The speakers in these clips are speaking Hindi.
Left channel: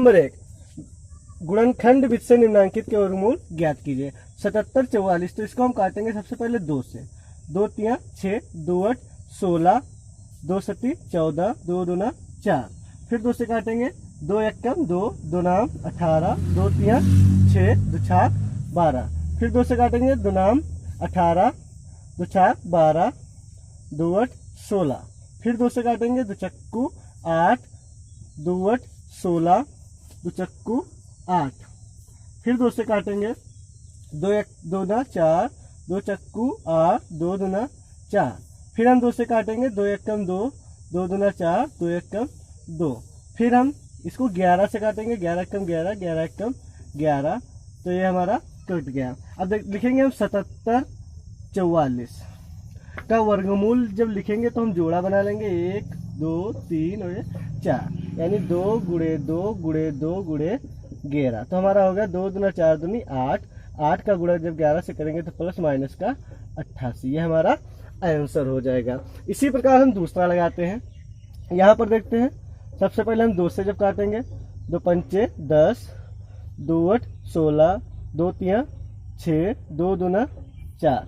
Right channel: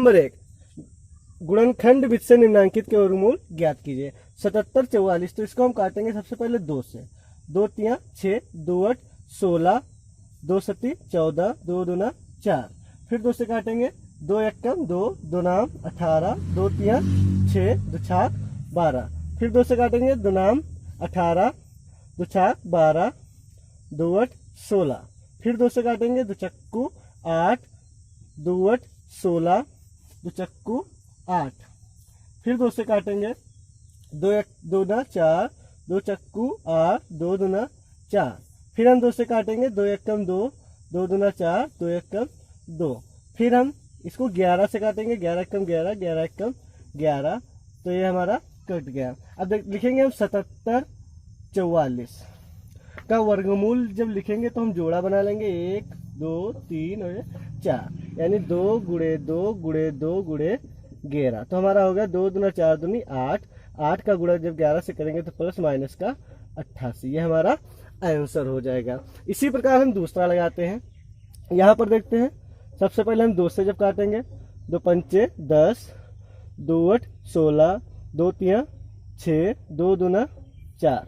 नंबर 1, गुणनखंड विधि से निम्नांकित के वर्गमूल ज्ञात कीजिए। 77 44, तो इसको हम काटेंगे सबसे पहले 2 से। 2 तिया 6, 2 8 16, 2 सती 14, 2 दूना 4। फिर 2 से काटेंगे, 2 एकम 2, 2 नाम 18, 2 तिया 6, 2 छाक 12। फिर 2 से काटेंगे, 2 नाम 18, 2 छाक 12, 2 8 16। फिर 2 से काटेंगे, 2 चक्कू 8, 2 8 16, 2 चक्कू 8। फिर 2 से काटेंगे, 2 एक 2 ना 4, 2 चक्कू 8, 2 दूना 4। फिर हम 2 से काटेंगे, 2 एकम 2, 2 दूना 4, 2 एकम 2। फिर हम इसको 11 से काटेंगे, 11 एकम 11, 11 एकम 11, तो ये हमारा कट गया। अब लिखेंगे हम 77 44 का वर्गमूल। जब लिखेंगे तो हम जोड़ा बना लेंगे, 1 2 3 और 4, यानी 2 गुणे 2 गुणे 2 गुणे 11। तो हमारा हो गया 2 दूना 4 दूनी 8, 8 का गुणा जब 11 से करेंगे तो प्लस माइनस का 88, ये हमारा आंसर हो जाएगा। इसी प्रकार हम दूसरा लगाते हैं। यहाँ पर देखते हैं, सबसे पहले हम 2 से जब काटेंगे, 2 पंचे 10, 2 8 16, 2 तिया 6, 2 दूना 4।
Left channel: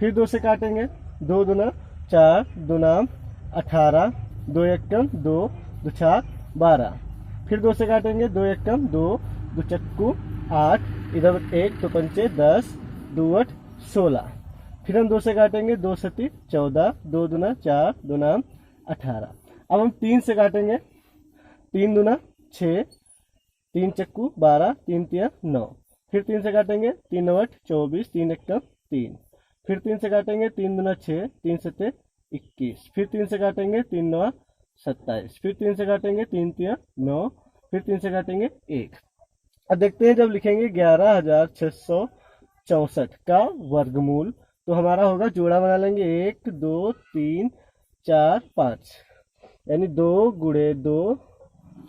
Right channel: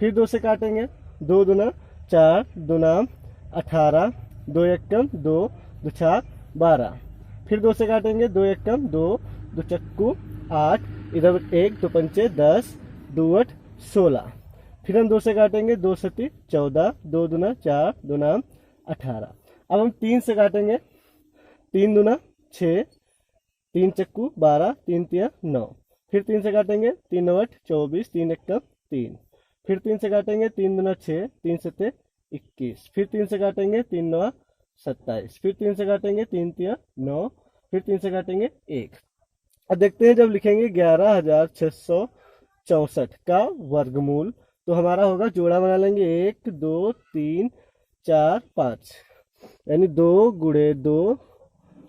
फिर 2 से काटेंगे, 2 दूना 4, 2 नाम 18, 2 एकम 2, 2 छाक 12। फिर 2 से काटेंगे, 2 एकम 2, 2 चक्कू 8, इधर 1, 2 पंचे 10, 2 8 16। फिर हम 2 से काटेंगे, 2 सती 14, 2 दूना 4, 2 नाम 18। अब हम 3 से काटेंगे, 3 दूना 6, 3 चक्कू 12, 3 तिया 9। फिर 3 से काटेंगे, 3 9 8 24, 3 एकम 3। फिर 3 से काटेंगे, 3 दूना 6, 3 सते 21। फिर 3 से काटेंगे, 3 9 27। फिर 3 से काटेंगे, 3 तिया 9। फिर 3 से काटेंगे 1। अब देखते हैं, जब लिखेंगे 11664 का वर्गमूल, तो हमारा होगा, जोड़ा बना लेंगे, 1 2 3 4 5, यानी 2 गुणे 2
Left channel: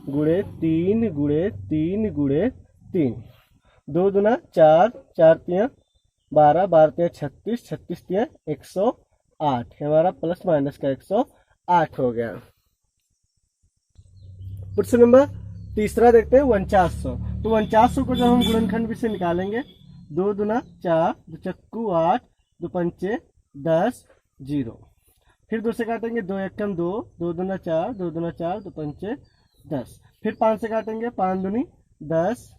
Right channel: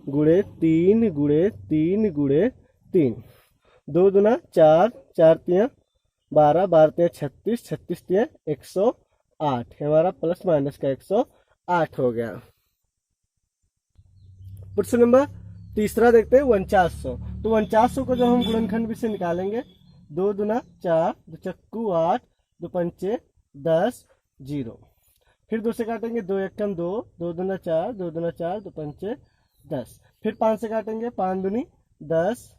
गुणे 3 गुणे 3 गुणे 3। 2 दूना 4, 4 तिया 12, 12 तिया 36, 36 तिया 108, हमारा प्लस माइनस का 108 हो गया। प्रश्न नंबर तीसरा देखते हैं, 4900। तो 4900 को जब हम गुणनखंड विधि से निकालेंगे, 2 दूना 4, 2 चक्कू 8, 2 पंचे 10 0। फिर 2 से काटेंगे, 2 एकम 2, 2 दूना 4, 2 दूना 4, 2 पंचे 10। फिर 5 से काटेंगे, 5 दूनी 10,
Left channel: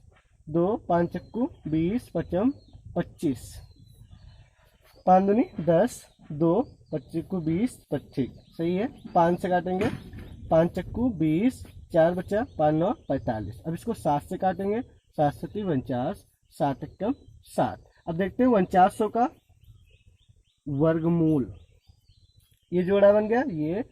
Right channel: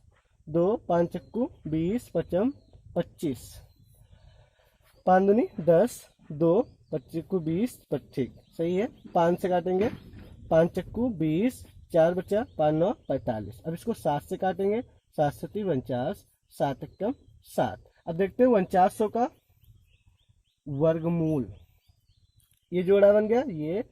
2 5 चक्कू 20, 5 25, 5 दूनी 10, 2 25 को 20 25, सही है। 5 से काटेंगे, 5 चक्कू 20, 4 बचा 5 9 45। अब इसको 7 से काटेंगे, 7 सती 49, 7 एकम 7। अब देखते हैं 4900 का वर्गमूल। ये जोड़ा बन गया, ये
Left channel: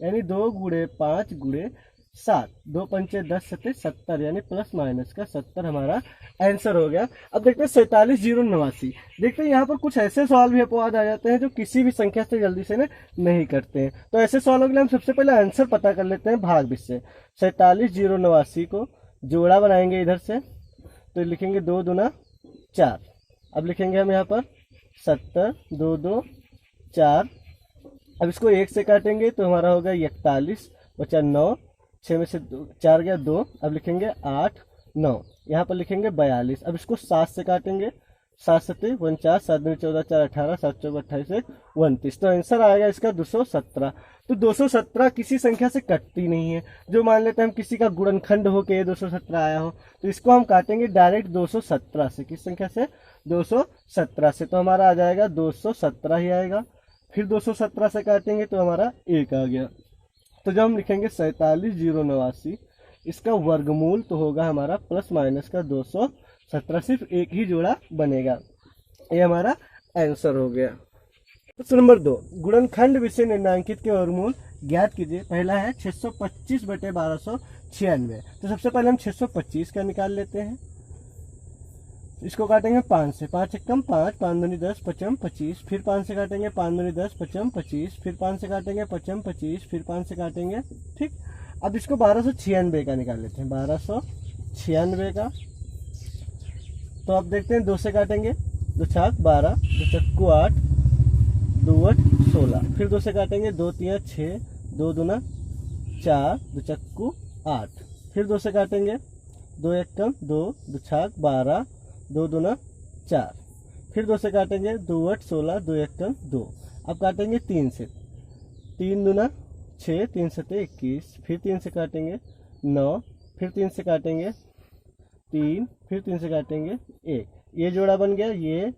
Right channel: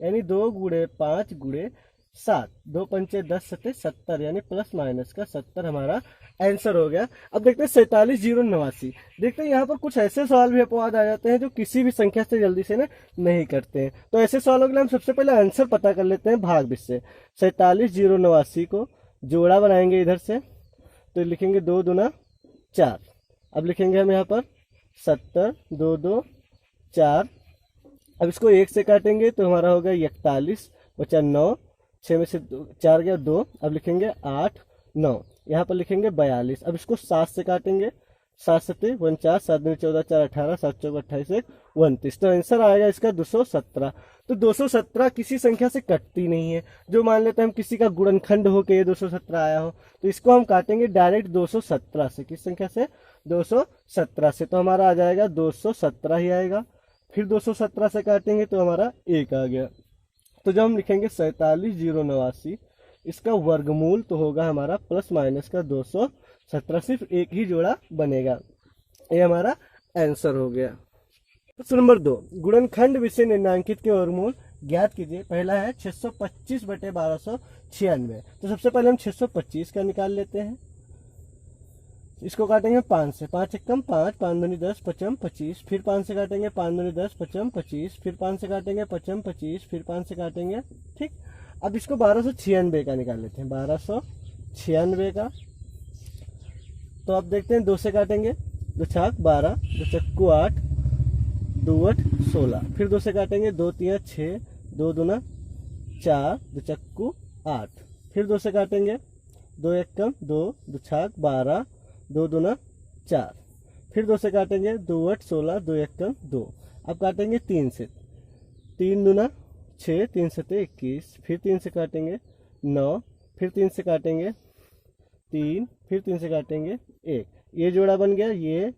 यानी 2 गुणे 5 गुणे 7, 2 पंचे 10 सते 70, यानी प्लस माइनस का 70 हमारा आंसर हो गया। अब देखते हैं 47089। देखते हैं यहाँ पर कुछ ऐसे सवाल भी अपवाद आ जाते हैं जो किसी भी संख्या से जल्दी से नहीं करते हैं। तो ऐसे सवालों के लिए हम सबसे पहले आंसर पता कर लेते हैं भाग विधि से। 47089 को जोड़ा बनाएंगे इधर से, तो लिखेंगे 2 दूना 4। अब लिखेंगे हम यहाँ पर 70, 2 2 4। अब इसको 1 से काटेंगे तो हमारा होगा 41, बचा 9, 6 में से 4 गया 2। अब लिखेंगे 8 9, यहाँ पर लिखेंगे 42। अब इसको 7 से काटेंगे, 7 सते 49, 7 दूनी 14, 4 18, 7 चौक 28 29। तो आंसर आएगा इसका 217। तो 217 किसी संख्या से कटती नहीं है। जो मान लेते हैं हम किसी का गुणनखंड हो के 217 आया हो, तो इसको हम काटेंगे डायरेक्ट 217 से। किस संख्या से? 217 से। तो हमारा आ जाएगा 217 ही आएगा। फिर 217 से काटेंगे तो हमारा 1 आ गया। तो जब हम लिखेंगे 47089, इसका वर्गमूल तो होगा हमारा प्लस माइनस का 217, सिर्फ एक ही जोड़ा बनेगा। ये हमारा आंसर हो गया। प्रश्न नंबर 2, गुणनखंड विधि से निम्नांकित के वर्गमूल ज्ञात कीजिए। पहला है 625 बटे 1296। तो सबसे पहले हम 625 का निकाल लेते हैं। इसको काटेंगे 5 से, 5 एकम 5, 5 दूनी 10, 5 25। फिर 5 से काटेंगे, 5 दूनी 10, 5 25। फिर 5 से काटेंगे, 5 25। फिर 5 से काटेंगे, ठीक। अब इसको 1296 का निकाल लेते हैं, 1296 का। तो अब देखते हैं 2 से काटेंगे, 2 छाक 12, 2 चक्कू 8, 2 8 16। फिर 2 से काटेंगे, 2 3 6, 2 दूना 4, 2 चक्कू 8। फिर 2 से काटेंगे, 2 एक कम 2, 2 छाक 12, 2 दूना 4, फिर 2 से काटेंगे 2 8 16, 2 एक कम 2। अब काटेंगे 3 से, 3 दूना 6, 3 सते 21, फिर 3 से काटेंगे 9, फिर 3 से काटेंगे 3, फिर 3 से काटेंगे 1। ये जोड़ा बन गया, ये।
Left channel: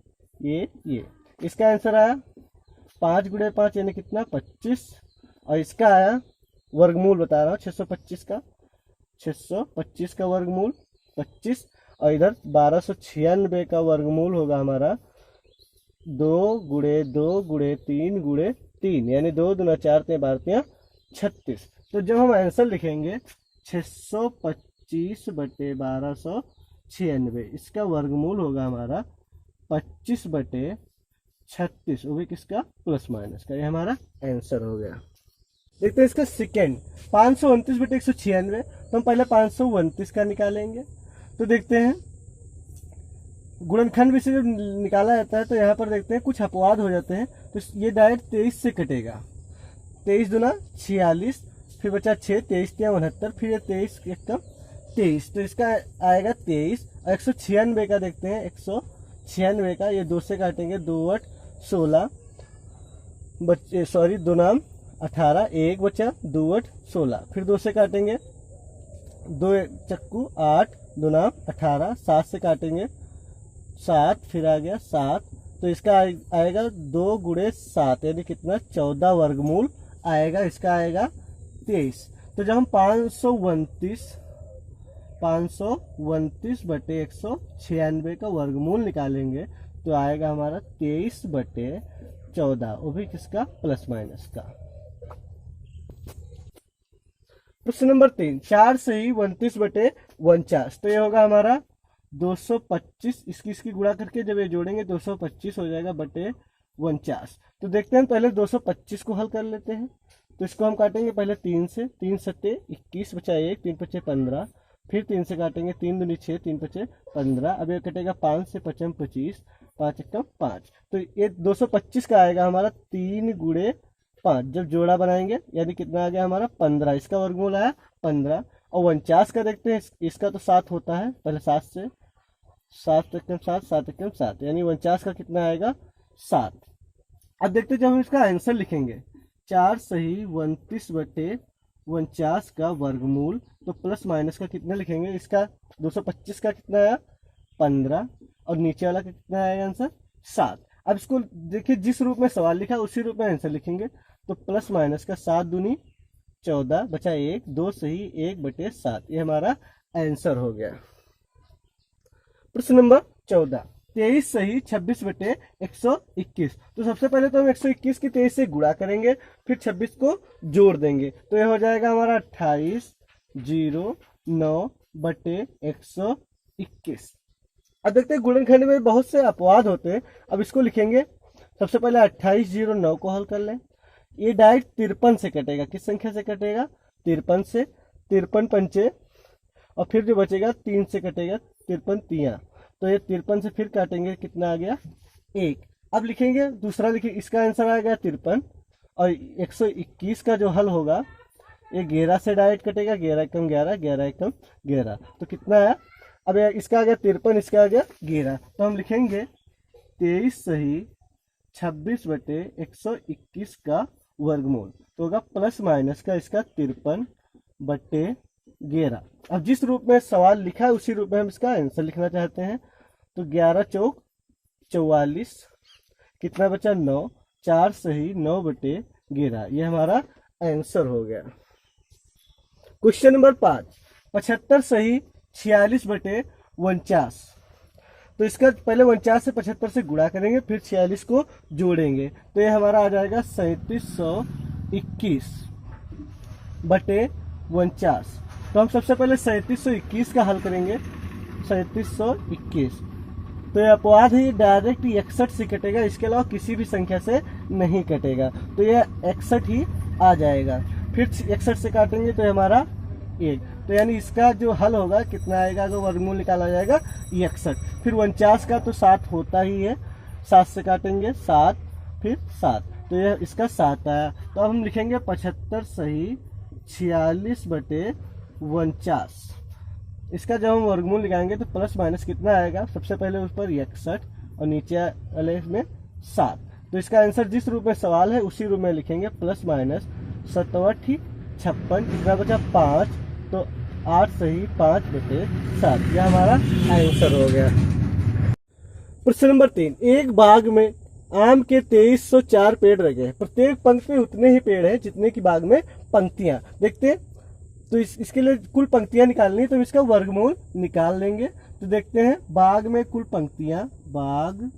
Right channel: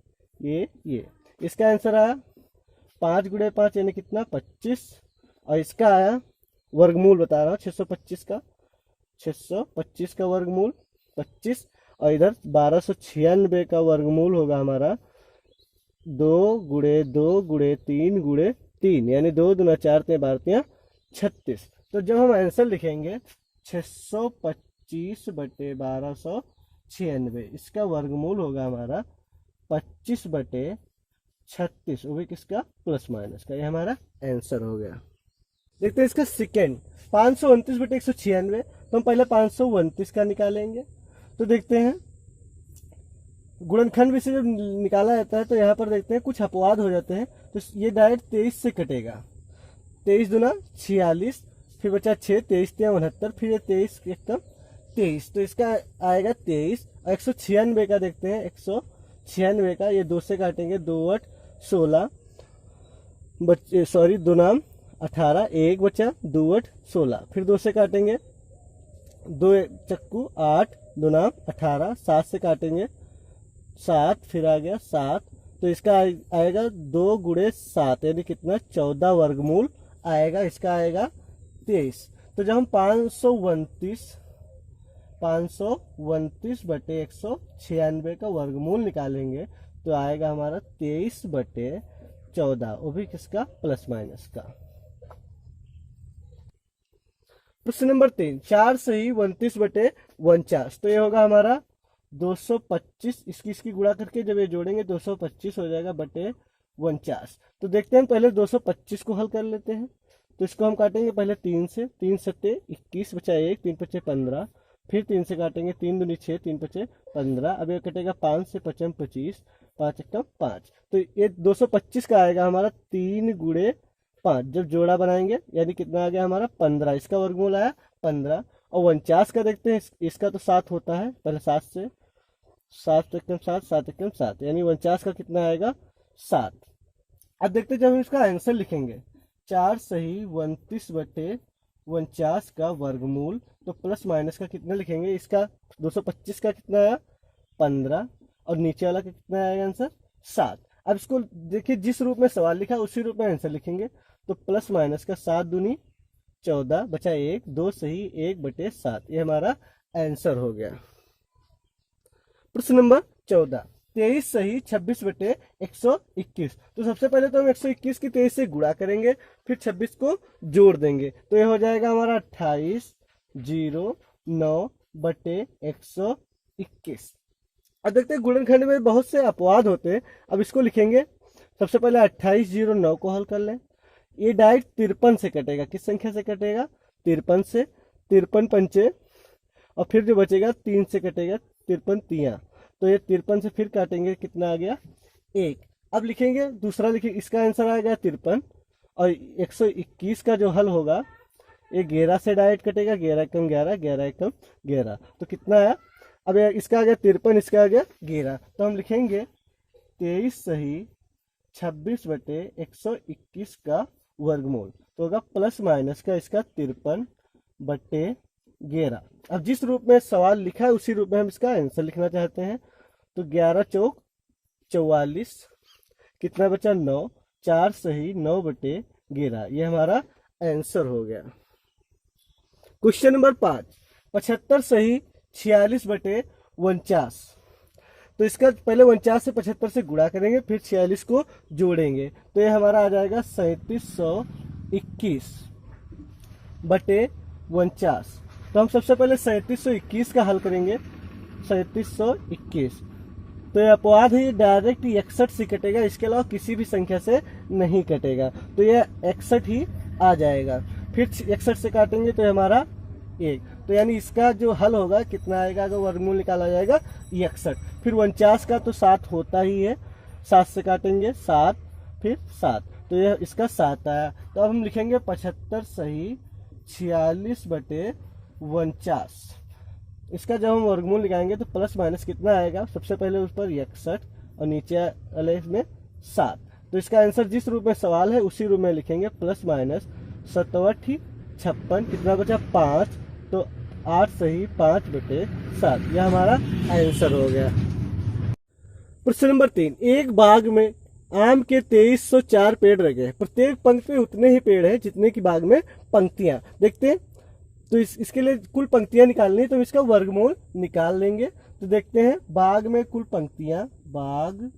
इसका आंसर आया 5 गुणे 5 यानी कितना 25, और इसका आया वर्गमूल बता रहा हूँ 625 का, 625 का वर्गमूल 25, और इधर 1296 का वर्गमूल होगा हमारा 2 गुणे 2 गुणे 3 गुणे 3, यानी 2 दूना 4 3 12 36। तो जब हम आंसर लिखेंगे 625 बटे 1296, इसका वर्गमूल होगा हमारा 25 बटे 36, वो भी किसका प्लस माइनस का। ये हमारा आंसर हो गया। देखते हैं इसका सेकेंड 529 बटे 196, तो हम पहले 529 का निकालेंगे। तो देखते हैं गुणनखंड भी से जब निकाला जाता है तो यहाँ पर देखते हैं कुछ अपवाद हो जाते हैं। तो ये डायरेक्ट 23 से कटेगा, 23 दूना 46, फिर बचा 6, 23 3 69, फिर 23 एक कम 23, तो इसका आएगा 23। और 196 का देखते हैं, 196 का ये 2 से काटेंगे, 2 8 16, बच्चे सॉरी 2 नाम 18, 1 बचा 2 8 16, फिर 2 से काटेंगे 2 चक्कू 8, 2 नाम 18, 7 से काटेंगे 7, फिर आ गया 7, तो इसका आएगा 2 गुणे 7 यानी कितना 14 वर्गमूल आएगा, इसका आएगा 23। तो जब हम 529 बटे 196 का वर्गमूल निकालेंगे तो आएगा हमारा 23 बटे 14, वो भी किसका प्लस माइनस का। प्रश्न नंबर 3, 4 सही 29 बटे 49, तो ये होगा हमारा 225, इसकी गुणा करके जब ये जोड़ेंगे 225 हो जाएगा बटे 49। तो देखते हैं पहले 225 को हल कर लेते हैं। तो इसको हम काटेंगे पहले 3 से, 3 सत्ते 21 बचा 1, 3 पचे 15, फिर 3 से काटेंगे 3 दूनी 6, 3 पचे 15, अब ये कटेगा 5 से 55 25, 5 एकम 5, तो ये 225 का आएगा हमारा 3 गुणे 5। जब जोड़ा बनाएंगे यानी कितना आ गया हमारा 15, इसका वर्गमूल आया 15। और 49 का देखते हैं, इसका तो 7 होता है, पहले 7 से 7 एकम 7, 7 एकम 7, यानी 49 का कितना आएगा 7। अब देखते हैं जब हम इसका आंसर लिखेंगे 4 सही 29 बटे 49 का वर्गमूल, तो प्लस माइनस का कितना लिखेंगे, इसका 225 का कितना आया 15, और नीचे वाला का कितना आएगा आंसर 7। अब इसको देखिए जिस रूप में सवाल लिखा उसी रूप में आंसर लिखेंगे। तो प्लस माइनस का 7 दूनी 14 बचा 1, 2 सही 1 बटे 7, ये हमारा आंसर हो गया। प्रश्न नंबर 14, 23 सही 26 बटे 121, तो सबसे पहले तो हम 121 की 23 से गुणा करेंगे, फिर 26 को जोड़ देंगे, तो ये हो जाएगा हमारा 2809 बटे 121। अब देखते हैं गुणनखंड में बहुत से अपवाद होते हैं। अब इसको लिखेंगे, सबसे पहले 2809 को हल कर लें। ये डायरेक्ट 53 से कटेगा, किस संख्या से कटेगा 53 से, 53 पंचे, और फिर जो बचेगा 3 से कटेगा, 53 तिया, तो ये 53 से फिर काटेंगे, कितना आ गया 1। अब लिखेंगे दूसरा, लिखिए इसका आंसर आ गया 53, और 121 का जो हल होगा ये 11 से डायरेक्ट कटेगा, 11 एकम 11, 11 एकम 11, तो कितना आया, अब इसका आ गया 53, इसका आ गया 11, तो हम लिखेंगे 23 सही 26 बटे 121 का वर्गमूल, तो होगा प्लस माइनस का इसका 53 बटे 11। अब जिस रूप में सवाल लिखा है उसी रूप में हम इसका आंसर लिखना चाहते हैं। तो 11 चौक 44, कितना बचा 9, 4 सही 9 बटे 11, ये हमारा आंसर हो गया। क्वेश्चन नंबर 5, 75 सही 46 बटे 49, तो इसका पहले 49 से 75 से गुणा करेंगे, फिर 46 को जोड़ेंगे, तो ये हमारा आ जाएगा 3721 बटे 49। तो हम सबसे पहले 3721 का हल करेंगे, 3721, तो ये अपवाद ही डायरेक्ट 61 से कटेगा, इसके अलावा किसी भी संख्या से नहीं कटेगा, तो ये 61 ही आ जाएगा। फिर 61 से काटेंगे तो हमारा 1, तो यानी इसका जो हल होगा कितना आएगा, तो वर्गमूल निकाला जाएगा 61। फिर 49 का तो 7 होता ही है, 7 से काटेंगे 7, फिर 7, तो यह इसका 7 आया। तो अब हम लिखेंगे 75 सही 46 बटे 49, इसका जब हम वर्गमूल निकालेंगे तो प्लस माइनस कितना आएगा, सबसे पहले उस पर 61 और नीचे वाले इसमें 7। तो इसका आंसर जिस रूप में सवाल है उसी रूप में लिखेंगे, प्लस माइनस 7 56, कितना बचा 5, तो 8 सही 5 बटे 7, यह हमारा आंसर हो गया। प्रश्न नंबर 3, एक बाग में आम के 2304 पेड़ लगे हैं, प्रत्येक पंक्ति में उतने ही पेड़ हैं जितने की बाग में पंक्तियां। देखते हैं, तो इसके लिए कुल पंक्तियां निकालनी है, तो इसका वर्गमूल निकाल लेंगे। तो देखते हैं, बाग में कुल पंक्तियां, बाग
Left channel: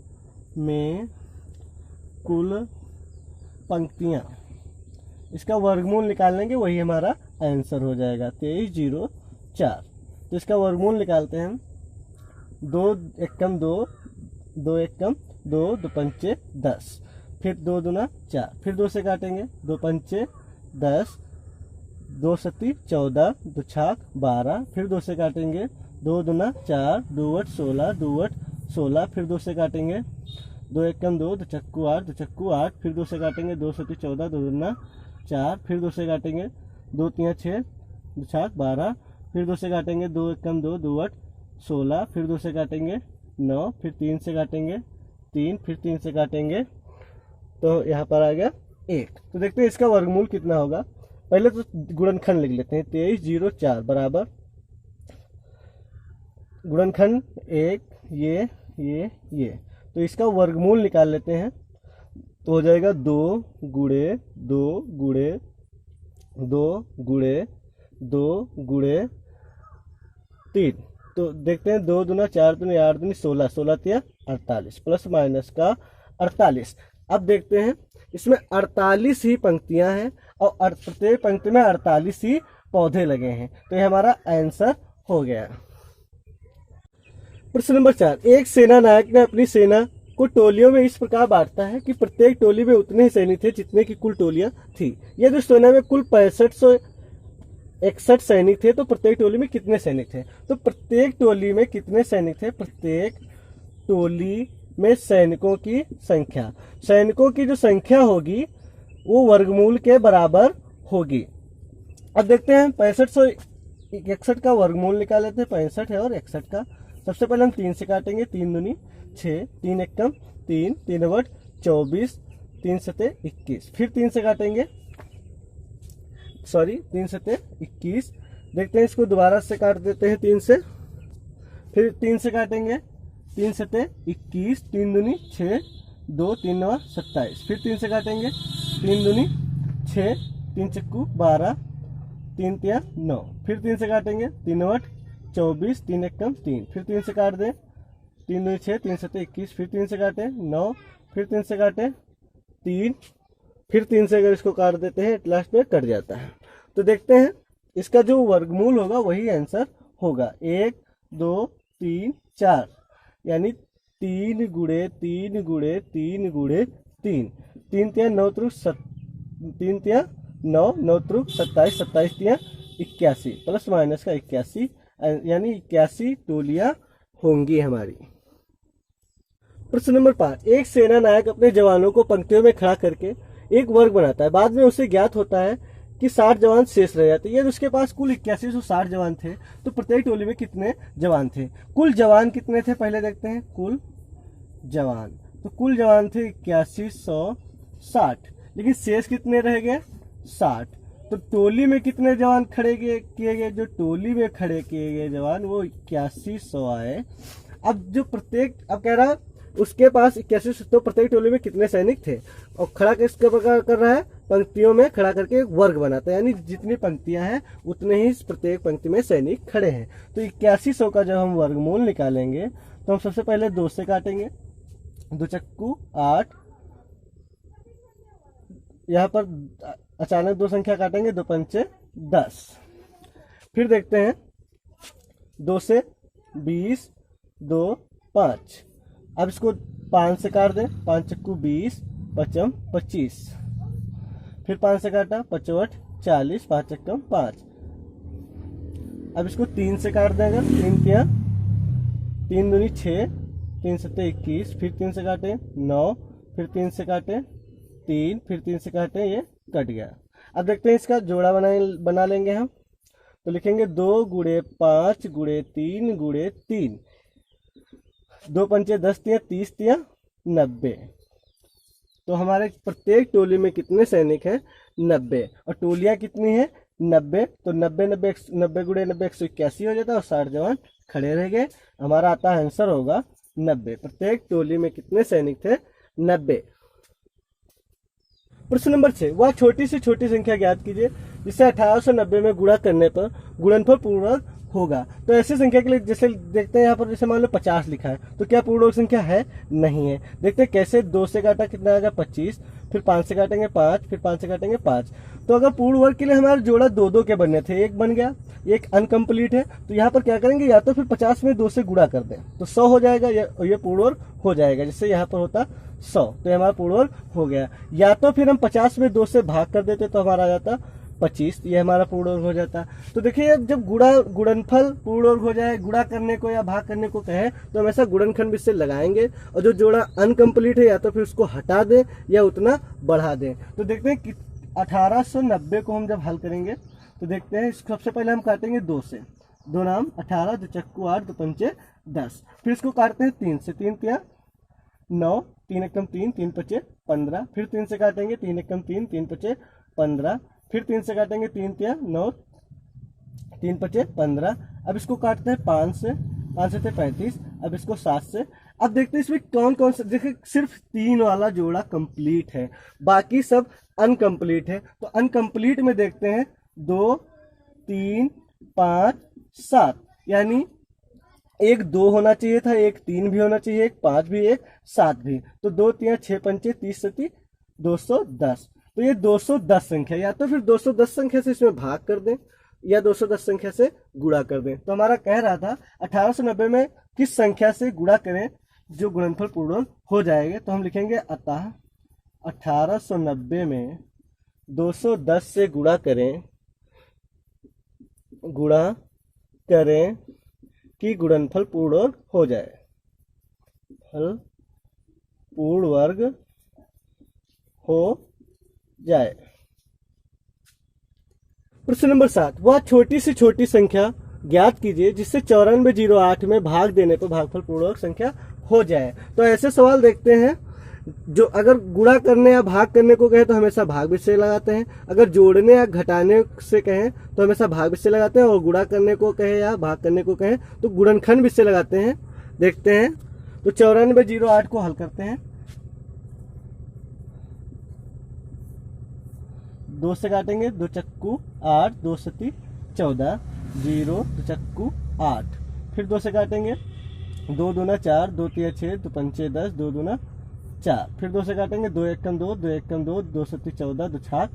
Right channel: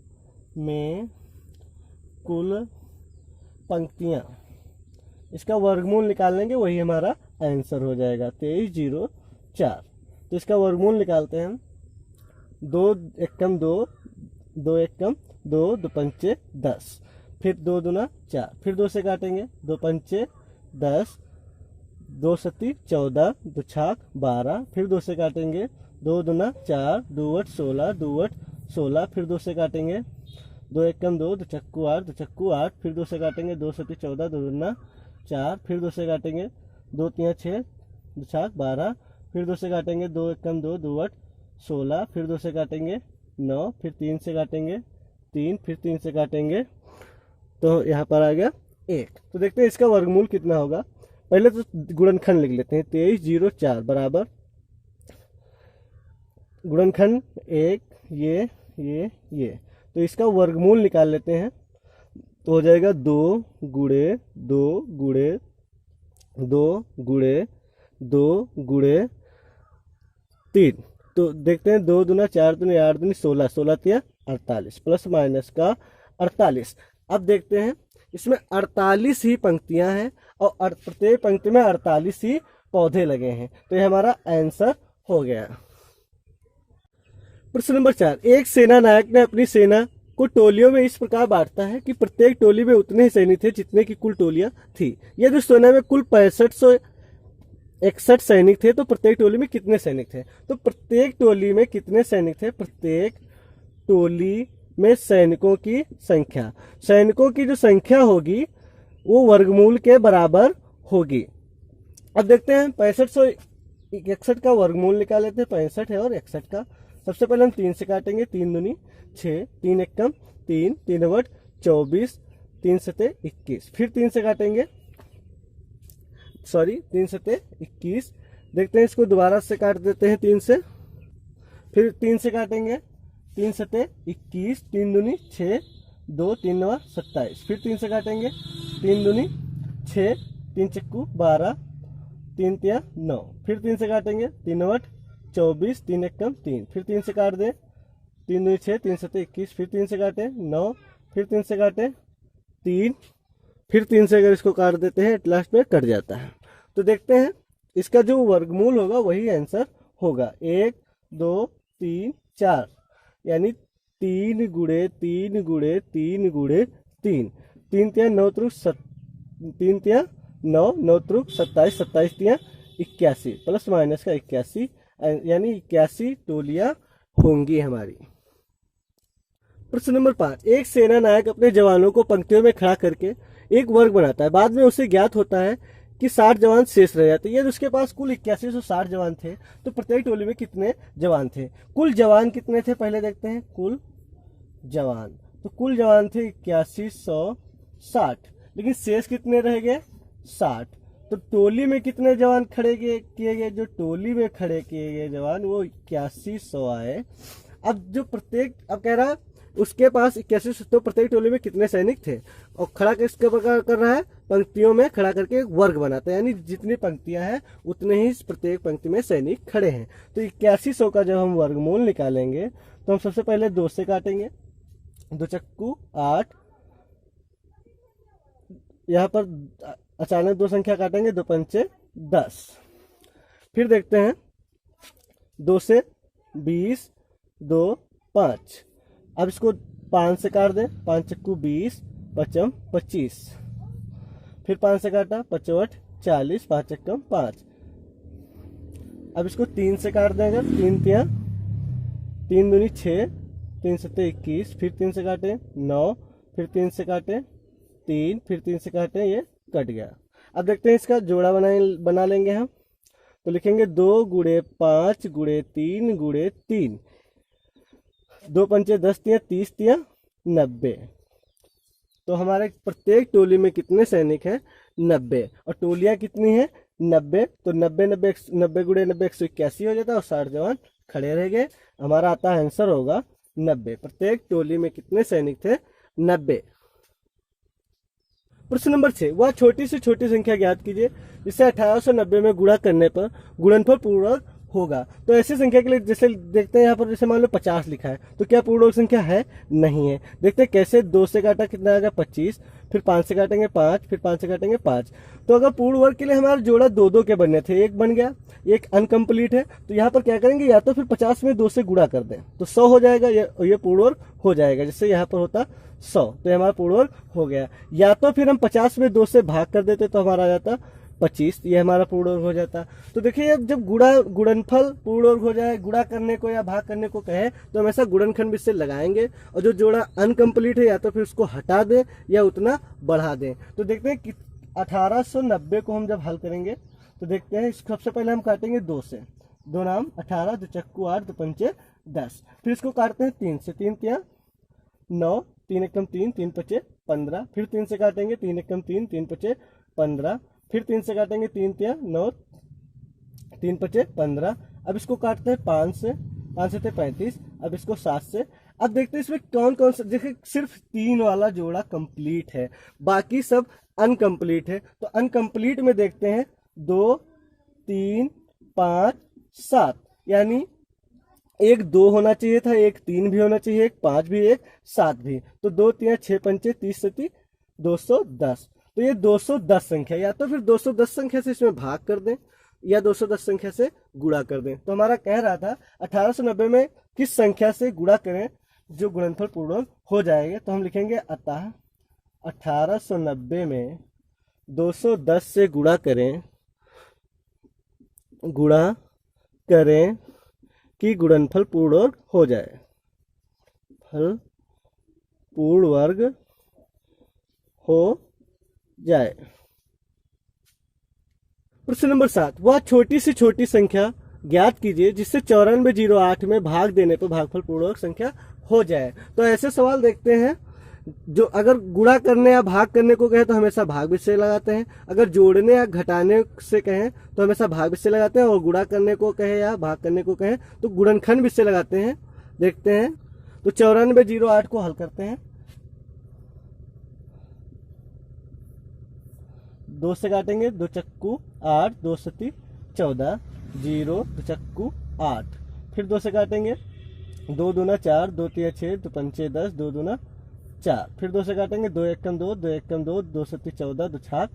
में कुल पंक्तियां, इसका वर्गमूल निकाल लेंगे, वही हमारा आंसर हो जाएगा 2304। तो इसका वर्गमूल निकालते हैं हम, 2 एकम 2, 2 एकम 2, 2 पंचे 10, फिर 2 दूना 4, फिर 2 से काटेंगे, 2 पंचे 10, 2 सत्ती 14, 2 छाक 12, फिर 2 से काटेंगे, 2 दूना 4, 2 8 16, 2 8 16, फिर 2 से काटेंगे, 2 एकम 2, 2 चक्कू 8, 2 चक्कू 8, फिर 2 से काटेंगे, 2 सत्ती 14, 2 दूना 4, फिर 2 से काटेंगे, 2 तिया 6, 2 छाक 12, फिर 2 से काटेंगे, 2 एकम 2, 2 8 16, फिर 2 से काटेंगे 9, फिर 3 से काटेंगे 3, फिर 3 से काटेंगे, तो यहाँ पर आ गया 1। तो देखते हैं इसका वर्गमूल कितना होगा। पहले तो गुणनखंड लिख लेते हैं, 2304 बराबर गुणनखंड 1, ये, तो इसका वर्गमूल निकाल लेते हैं। तो हो जाएगा 2 गुणे 2 गुणे 2 गुणे 2 गुणे 3। तो देखते हैं, 2 दूना 4 दूनी 8 दूनी 16, 16 तिया 48, प्लस माइनस का 48। अब देखते हैं, इसमें 48 ही पंक्तियां हैं और प्रत्येक पंक्ति में 48 ही पौधे लगे हैं, तो ये हमारा आंसर हो गया। प्रश्न नंबर 4, एक सेना नायक ने अपनी सेना को टोलियों में इस प्रकार बांटता है कि प्रत्येक टोली में उतने ही सैनिक थे जितने की कुल टोलियां थी। यदि सेना में कुल 6561 सैनिक थे तो प्रत्येक टोली में कितने सैनिक थे। तो प्रत्येक टोली में कितने सैनिक थे, प्रत्येक टोली में सैनिकों की संख्या, सैनिकों की जो संख्या होगी वो वर्गमूल के बराबर होगी। अब देखते हैं 6561 का वर्गमूल निकाल लेते हैं, 65 है और 61 का। सबसे पहले हम 3 से काटेंगे, 3 दूनी 6, 3 एकम 3, 3 अवट 24, 3 सते 21, फिर 3 से काटेंगे, 3 सते 21। देखते हैं, इसको दोबारा से काट देते हैं 3 से, फिर 3 से काटेंगे, 3 सते 21, 3 दूनी 6, 2 3 9 27, फिर 3 से काटेंगे, 3 दूनी 6, 3 चक्कू 12, 3 तिया 9, फिर 3 से काटेंगे, 3 अवट 24, 3 एकम 3, फिर 3 से काट दें, 3 दूनी 6, 3 सते 21, फिर 3 से काटें 9, फिर 3 से काटें 3, फिर 3 से अगर इसको काट देते हैं लास्ट में कट जाता है। तो देखते हैं, इसका जो वर्गमूल होगा वही आंसर होगा, 1 2 3 4, यानी 3 गुणे 3 गुणे 3 गुणे 3, 3 तिया 9 त्रुक 3 तिया 9, 9 त्रुक 27, 27 तिया 81, प्लस माइनस का 81, यानी 81 टोलियां होंगी हमारी। प्रश्न नंबर 5, एक सेना नायक अपने जवानों को पंक्तियों में खड़ा करके एक वर्ग बनाता है। बाद में उसे ज्ञात होता है कि 60 जवान शेष रह जाते हैं। यदि उसके पास कुल 8160 जवान थे तो प्रत्येक टोली में कितने जवान थे। कुल जवान कितने थे पहले देखते हैं, कुल जवान, तो कुल जवान थे 8160, लेकिन शेष कितने रह गए 60। तो टोली में कितने जवान खड़े किए गए, जो टोली में खड़े किए गए जवान वो 8100 आए। अब जो प्रत्येक, अब कह रहा उसके पास 8100, तो प्रत्येक टोली में कितने सैनिक थे, और खड़ा किसके प्रकार कर रहा है, पंक्तियों में खड़ा करके एक वर्ग बनाता है, यानी जितनी पंक्तियां हैं उतने ही प्रत्येक पंक्ति में सैनिक खड़े हैं। तो 8100 का जब हम वर्गमूल निकालेंगे तो हम सबसे पहले 2 से काटेंगे, 2 चक्कू 8, यहाँ पर अचानक 2 संख्या काटेंगे, 2 पंचे 10, फिर देखते हैं 2 से 20, 2 5, अब इसको 5 से काट दें, 5 चक्कू 20, 5 25, फिर 5 से काटा, 5 8 40, 5 चक्कम 5। अब इसको 3 से काट देंगे, 3 तिया 3 दूनी 6, 3 सत्ते 21, फिर 3 से काटे 9, फिर 3 से काटे 3, फिर 3 से काटे, ये कट गया। अब देखते हैं इसका जोड़ा बना लेंगे हम। तो लिखेंगे 2 गुणे 5 गुणे 3 गुणे 3, 2 पंचे 10 तिया 30 तिया 90। तो हमारे प्रत्येक टोली में कितने सैनिक हैं? 90। और टोलियां कितनी है? 90। तो 90 गुणे 90 181 हो जाता है और 60 जवान खड़े रह गए। हमारा आता है आंसर होगा 90। प्रत्येक टोली में कितने सैनिक थे? 90। प्रश्न नंबर 6, वह छोटी से छोटी संख्या ज्ञात कीजिए जिसे 1890 में गुणा करने पर गुणनफल पूर्णवर्ग होगा। तो ऐसी संख्या के लिए जैसे देखते हैं यहाँ पर, जैसे मान लो 50 लिखा है, तो क्या पूर्णवर्ग संख्या है? नहीं है। देखते हैं कैसे। 2 से काटा कितना आएगा? 25, फिर 5 से काटेंगे 5, फिर 5 से काटेंगे 5। तो अगर पूर्ण वर्ग के लिए हमारे जोड़ा 2 के बनने थे, एक बन गया, एक अनकम्प्लीट है, तो यहाँ पर क्या करेंगे, या तो फिर 50 में 2 से गुणा कर दें तो 100 हो जाएगा, ये पूर्ण वर्ग हो जाएगा। जैसे यहाँ पर होता 100, तो ये हमारा पूर्ण वर्ग हो गया। या तो फिर हम 50 में 2 से भाग कर देते तो हमारा आ जाता 25, ये हमारा पूर्ण वर्ग हो जाता। तो देखिए, जब गुणनफल पूर्ण वर्ग हो जाए, गुणा करने को या भाग करने को कहे, तो हमेशा गुणनखंड विधि से लगाएंगे, और जो जोड़ा अनकम्प्लीट है या तो फिर उसको हटा दें या उतना बढ़ा दें। तो देखते हैं कि 1890 को हम जब हल करेंगे तो देखते हैं, सबसे पहले हम काटेंगे 2 से, 2 नाम 18, 2 चक्कू 8, 2 पंचे 10। फिर इसको काटते हैं 3 से, 3 तिया 9, 3 एकम 3, 3 पचे 15। फिर 3 से काटेंगे, 3 एकम 3, 3 पचे 15। फिर 3 से काटेंगे, 3 तिया 9, 3 पचे 15। अब इसको काटते हैं 5 से, 5 से 35। अब इसको 7 से। अब देखते हैं इसमें कौन कौन सा, देखिए सिर्फ 3 वाला जोड़ा कंप्लीट है, बाकी सब अनकम्प्लीट है। तो अनकम्प्लीट में देखते हैं 2, 3, 5, 7, यानी एक 2 होना चाहिए था, एक 3 भी होना चाहिए, एक 5 भी, एक 7 भी। तो 2 तिया 6 पंचे 30 सती 210। तो ये 210 संख्या, या तो फिर 210 संख्या से इसमें भाग कर दें या 210 संख्या से गुणा कर दें। तो हमारा कह रहा था 1890 में किस संख्या से गुणा करें जो गुणनफल पूर्ण हो जाएगा। तो हम लिखेंगे, अतः 1890 में 210 से गुणा करें कि गुणनफल पूर्ण वर्ग हो जाए, फल पूर्ण वर्ग हो जाए। प्रश्न नंबर 7, वह छोटी से छोटी संख्या ज्ञात कीजिए जिससे 9408 में भाग देने पर भागफल पूर्ण वर्ग संख्या हो जाए। तो ऐसे सवाल देखते हैं, जो अगर गुणा करने या भाग करने को कहे तो हमेशा भाग विषय लगाते हैं, अगर जोड़ने या घटाने से कहें तो हमेशा भाग विषय लगाते हैं, और गुणा करने को कहे या भाग करने को कहे तो गुणनखंड विषय लगाते हैं। देखते हैं, तो 9408 को हल करते हैं। 2 से काटेंगे, 2 चक्कू 8, 2 सती 14, 0, 2 चक्कू 8। फिर 2 से काटेंगे, 2 दूना 4, 2 तिया 6, 2 पंचे 10, 2 दूना 4। फिर 2 से काटेंगे, 2 एकम 2, 2 एकम 2, 2 सती 14, 2 छाक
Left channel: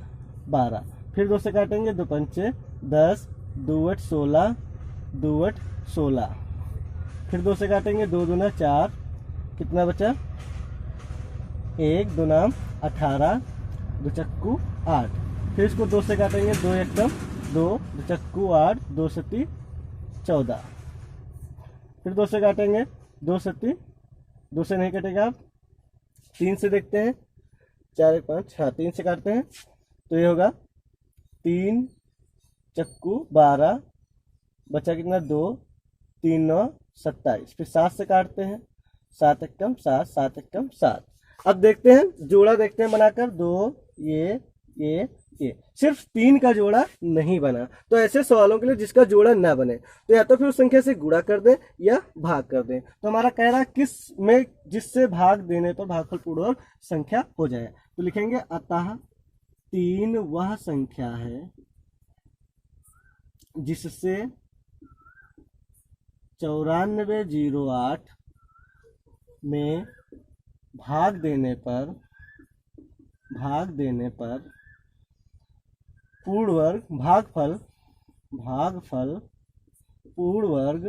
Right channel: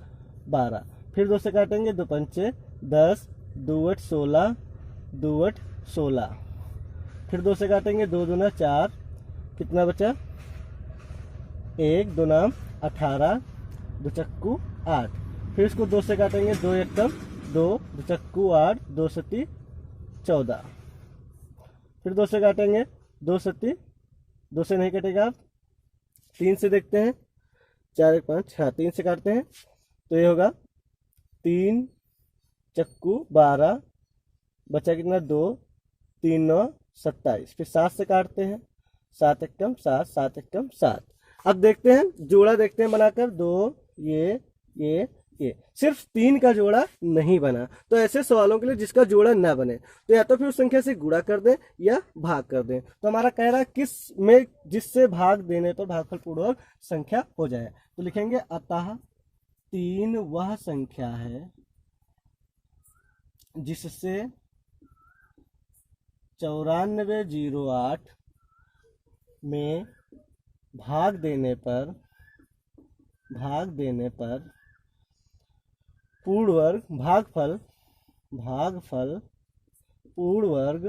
12। फिर 2 से काटेंगे, 2 पंचे 10, 2 8 16, 2 8 16। फिर 2 से काटेंगे, 2 दूना 4, कितना बचा? 1, 2 नाम 18, 2 चक्कू 8। फिर इसको 2 से काटेंगे, 2 एकम 2, 2 चक्कू 8, 2 सती 14। फिर 2 से काटेंगे, 2 सती, 2 से नहीं कटेगा, आप 3 से देखते हैं, 4 1 5, हाँ 3 से काटते हैं तो ये होगा 3 चक्कू 12, बचा कितना? 2, 3 9 27। फिर 7 से काटते हैं, 7 एकम 7, 7 एकम 7। अब देखते हैं, जोड़ा देखते हैं बनाकर, 2 ये सिर्फ 3 का जोड़ा नहीं बना। तो ऐसे सवालों के लिए जिसका जोड़ा ना बने तो या तो फिर उस संख्या से गुणा कर दें या भाग कर दें। तो हमारा कह रहा है किस में जिससे भाग देने पर भागफल पूर्ण वर्ग संख्या हो जाए। तो लिखेंगे, अतः 3 वह संख्या है जिससे 9408 में भाग देने पर पूर्ण वर्ग भागफल पूर्ण वर्ग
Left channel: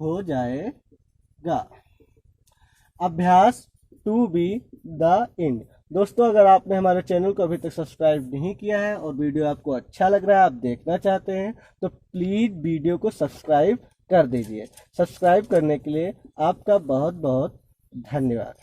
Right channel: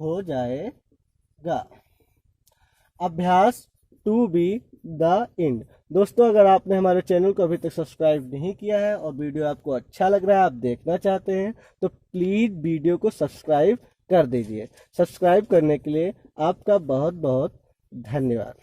हो जाएगा। अभ्यास 2B द एंड। दोस्तों, अगर आपने हमारे चैनल को अभी तक सब्सक्राइब नहीं किया है और वीडियो आपको अच्छा लग रहा है, आप देखना चाहते हैं, तो प्लीज़ वीडियो को सब्सक्राइब कर दीजिए। सब्सक्राइब करने के लिए आपका बहुत बहुत धन्यवाद।